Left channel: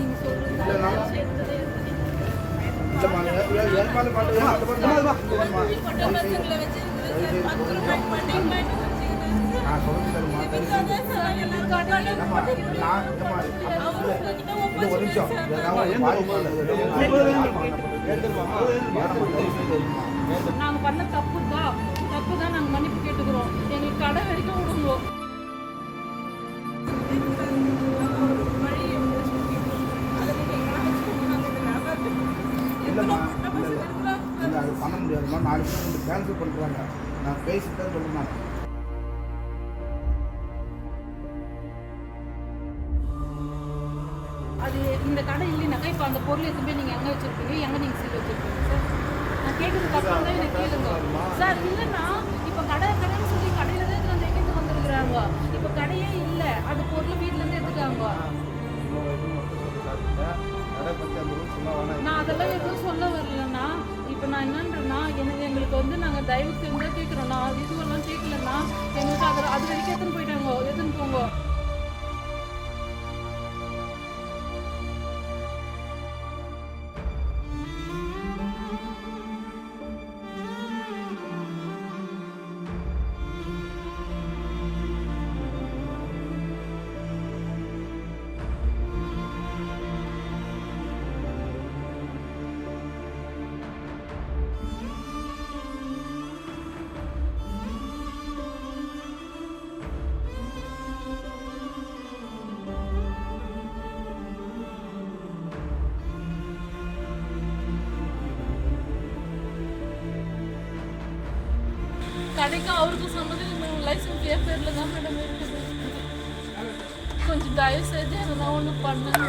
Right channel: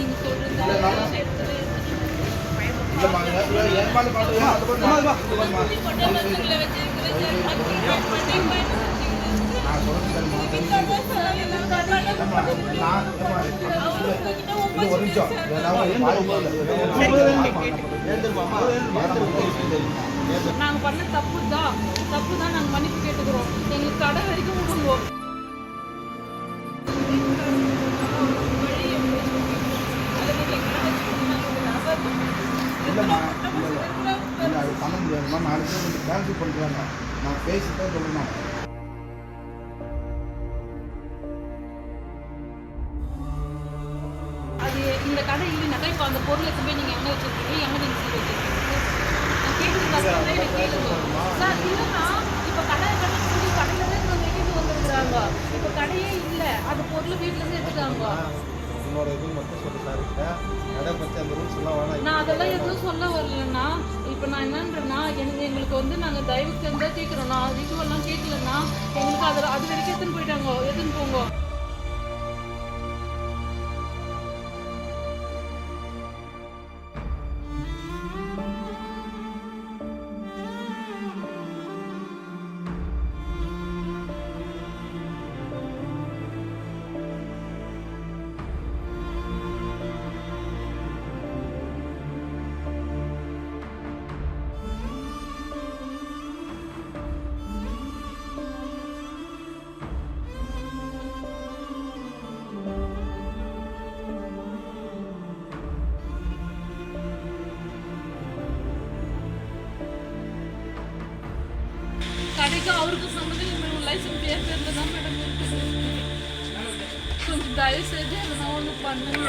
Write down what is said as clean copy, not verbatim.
நீங்க சொல்றது நான் சொல்றது தருமா இது ஒரு நிமிஷம் நாங்க பண்ண தப்பு தான் நாங்க மன்னிப்பு கேட்டுக்கிறோம். எங்களுக்கு கடை வரைக்கும் விடுவோம். இல்லைம்மா இல்லை அது பண்ண முடியாதும்மா. நாளைக்கு உங்களுக்கு கேன்சல் பண்ணுறாங்க. நான் பேசிட்டு சொல்கிறேன். அது இந்த கடை இல்லைனாக்கா இப்போ அந்த பொருள் எடுத்து போய் நீங்கள் எங்கே வச்சுருக்கீங்க, எங்கே நீங்கள் சீல் வச்சுருக்கீங்க சார்? நான் கேட்குறது கஷ்டம் எனக்கு கேளுங்க சார். இல்லைன்னா இப்போ கடைன்னு சொல்லி கடையிலேருந்து நம்ம கேட்டு வந்துருக்குறாங்க. இப்போ கடையே இல்லை, அது பொருள் வீட்டிலேருந்து எடுத்துட்டாங்க. உங்களோட இது மட்டும் சொல்லி சார் கடை பற்றி அந்த ரூல்ஸ் எல்லாம் வேணாம். நான் அதெல்லாம் எதுவும் சொல்ல வரலன்னா, இப்போ நான் என்னன்றேன்னா எங்களுக்கு வந்து நாங்கள் தயவு செஞ்சு கேட்குறோண்ணா, இதுவெல்லாம் கேட்கலன்னா எங்களுக்கு அது வரைக்கும் எடுத்துன்னு போயிட்டாங்க. எடுத்துன்னு போங்க. கடைக்கு அவருக்கு சம்மந்தம் லைசன்ஸ் என் பேரில் தான் மேடம் இருக்குது. கொஞ்சம் தயவு செஞ்சு அதெல்லாம் ஒன்று பண்ணுங்க.